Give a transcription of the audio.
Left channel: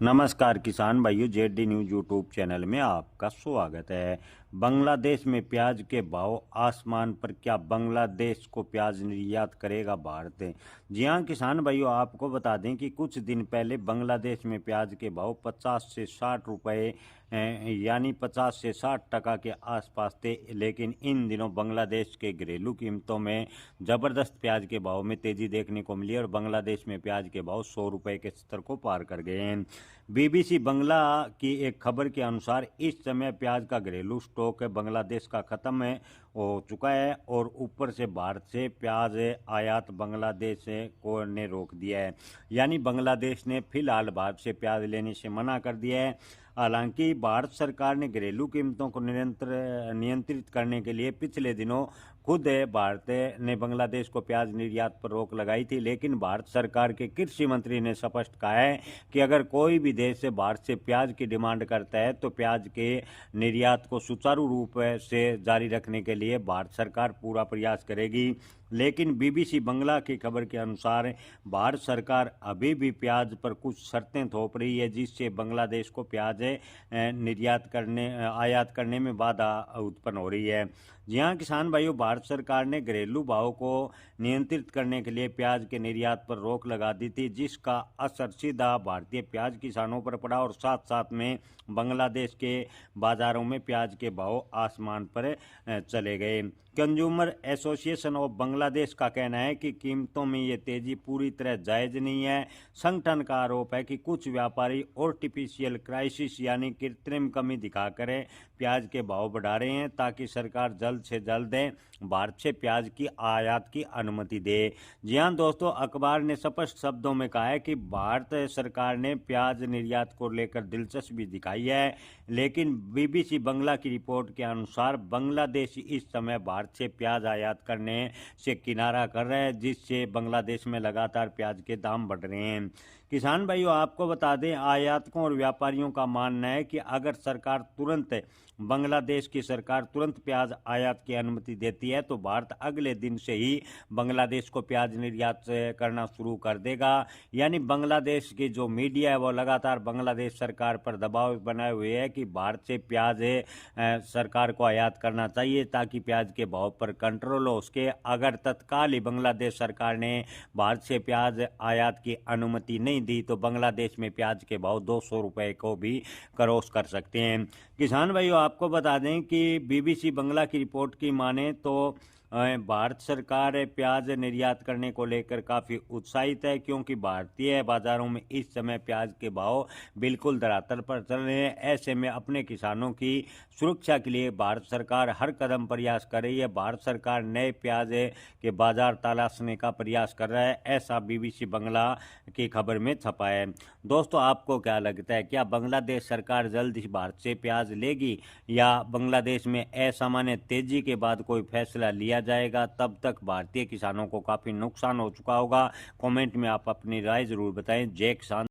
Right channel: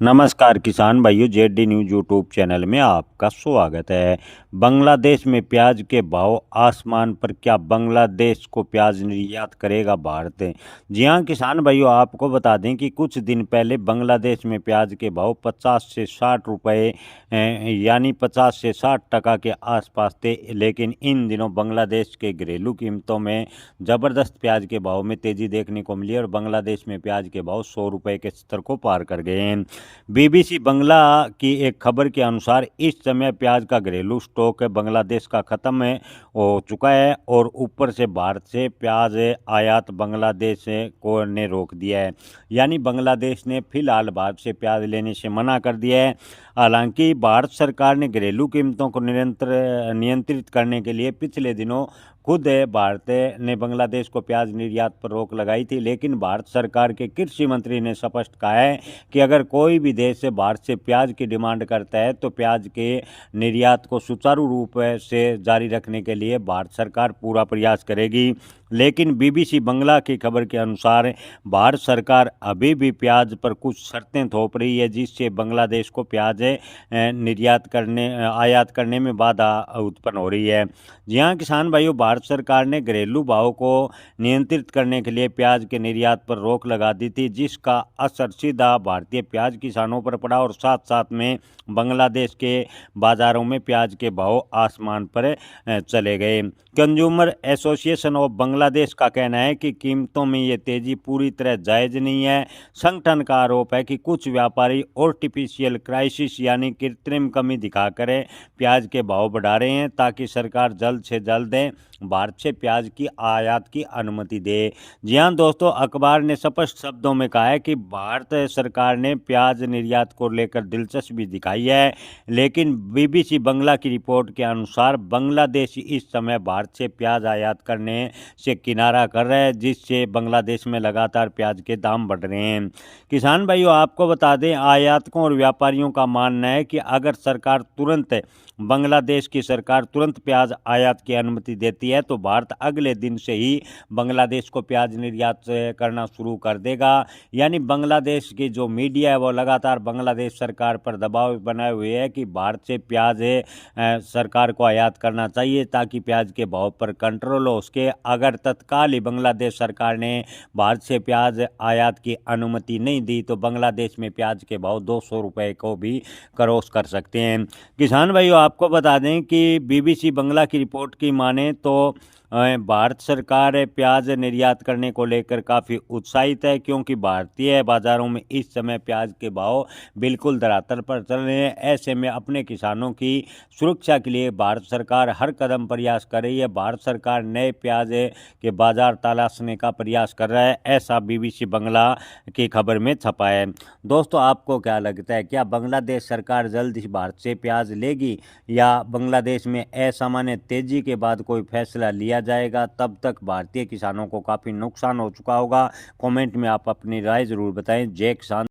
नमस्कार किसान भाइयों, जेडी न्यूज यूट्यूब चैनल में आपका स्वागत है। बांग्लादेश में प्याज के भाव आसमान पर, क्या बांग्लादेश को प्याज निर्यात करेगा भारत? जी हां किसान भाइयों, आपको बता दें कि कुछ दिन पहले बांग्लादेश में प्याज के भाव 50 से 60 रुपए यानी 50 से 60% के आसपास थे। लेकिन इन दिनों बांग्लादेश के घरेलू कीमतों में ज़बरदस्त प्याज के भाव में तेज़ी देखने को मिली और बांग्लादेश में प्याज के भाव 100 रुपये के स्तर को पार कर गए हैं। बीबीसी बंगला की एक खबर के अनुसार इस समय प्याज का घरेलू स्टॉक बांग्लादेश का ख़त्म हो चुका है और ऊपर से भारत से प्याज आयात बांग्लादेश को ने रोक दिया है। यानी बांग्लादेश ने फिलहाल भारत से प्याज लेने से मना कर दिया है। हालांकि भारत सरकार ने घरेलू कीमतों को नियंत्रित करने के लिए पिछले दिनों खुद भारत ने बांग्लादेश को प्याज निर्यात पर रोक लगाई थी। लेकिन भारत सरकार के कृषि मंत्री ने स्पष्ट कहा है कि अगर कोई भी देश भारत से प्याज की डिमांड करता है तो प्याज के निर्यात को सुचारू रूप से जारी रखने के लिए भारत सरकार पूरा प्रयास करेगी। लेकिन बीबीसी बंगला की खबर के अनुसार भारत सरकार अभी भी प्याज पर कुछ शर्तें थोप रही है, जिससे बांग्लादेश को प्याज आयात करने में बाधा उत्पन्न हो रही है। जी हाँ किसान भाइयों, भारत सरकार ने घरेलू भाव को नियंत्रित करने के लिए प्याज के निर्यात पर रोक लगा दी थी, जिसका असर सीधा भारतीय प्याज किसानों पर पड़ा और साथ साथ में बांग्लादेश के बाज़ारों में प्याज के भाव आसमान पर चले गए। कंज्यूमर एसोसिएशन ऑफ बांग्लादेश का कहना है कि कीमतों में ये तेज़ी पूरी तरह जायज़ नहीं है। संगठन का आरोप है कि कुछ व्यापारी आर्टिफिशियल क्राइसिस यानी कृत्रिम कमी दिखाकर प्याज के भाव बढ़ा रहे हैं, ताकि सरकार जल्द से जल्द भारत से प्याज की आयात की अनुमति दे। जी हाँ दोस्तों, अखबार ने स्पष्ट शब्दों में कहा है कि भारत सरकार ने प्याज निर्यात को लेकर दिलचस्पी दिखाई है। लेकिन बीबीसी बंगला की रिपोर्ट के अनुसार बांग्लादेश इस समय भारत से प्याज आयात करने से किनारा कर रहा है, जिससे बांग्लादेश में लगातार प्याज के दाम बढ़ रहे हैं। किसान भाइयों, आपको बता दें, आयातकों और व्यापारियों का मानना है कि अगर बांग्लादेश की सरकार तुरंत प्याज आयात की अनुमति देती है तो भारत अगले दिन से ही बांग्लादेश को प्याज निर्यात करना शुरू कर देगा। यानी बांग्लादेश की जो मीडिया है वो लगातार बांग्लादेश सरकार पर दबाव बनाए हुए है कि भारत से प्याज सरकार को आयात करना चाहिए, ताकि प्याज के भाव पर कंट्रोल हो उसके। अगर तत्काल ही बांग्लादेश सरकार ने भारत से प्याज आयात की अनुमति नहीं दी तो बांग्लादेश में प्याज के भाव 200 रुपये को भी क्रॉस कर सकते हैं। किसान भाइयों, आपको बता दें कि बीबीसी बंगला की रिपोर्ट की माने तो भारत सरकार प्याज निर्यात करने को लेकर काफ़ी उत्साहित है, क्योंकि भारतीय बाज़ारों में इस समय प्याज के भाव बिल्कुल धरातल पर चल रहे हैं। ऐसे में अपने किसानों की सुरक्षा के लिए भारत सरकार हर कदम प्रयास कर रही है। भारत सरकार नए प्याज के बाज़ार तलाशने का प्रयास कर रहा है, ऐसा बीबीसी बंगला की खबर में छपा है। दोस्तों, आपको क्या लगता है, क्या बांग्लादेश सरकार जल्द ही भारत से प्याज लेगी या बांग्लादेश में असामान्य तेजी के बाद कोई फैसला लिया जाएगा? तब तक भारतीय किसानों को काफ़ी नुकसान हो चुका होगा। कमेंट में आप अपनी राय ज़रूर बताएं। जय किसान।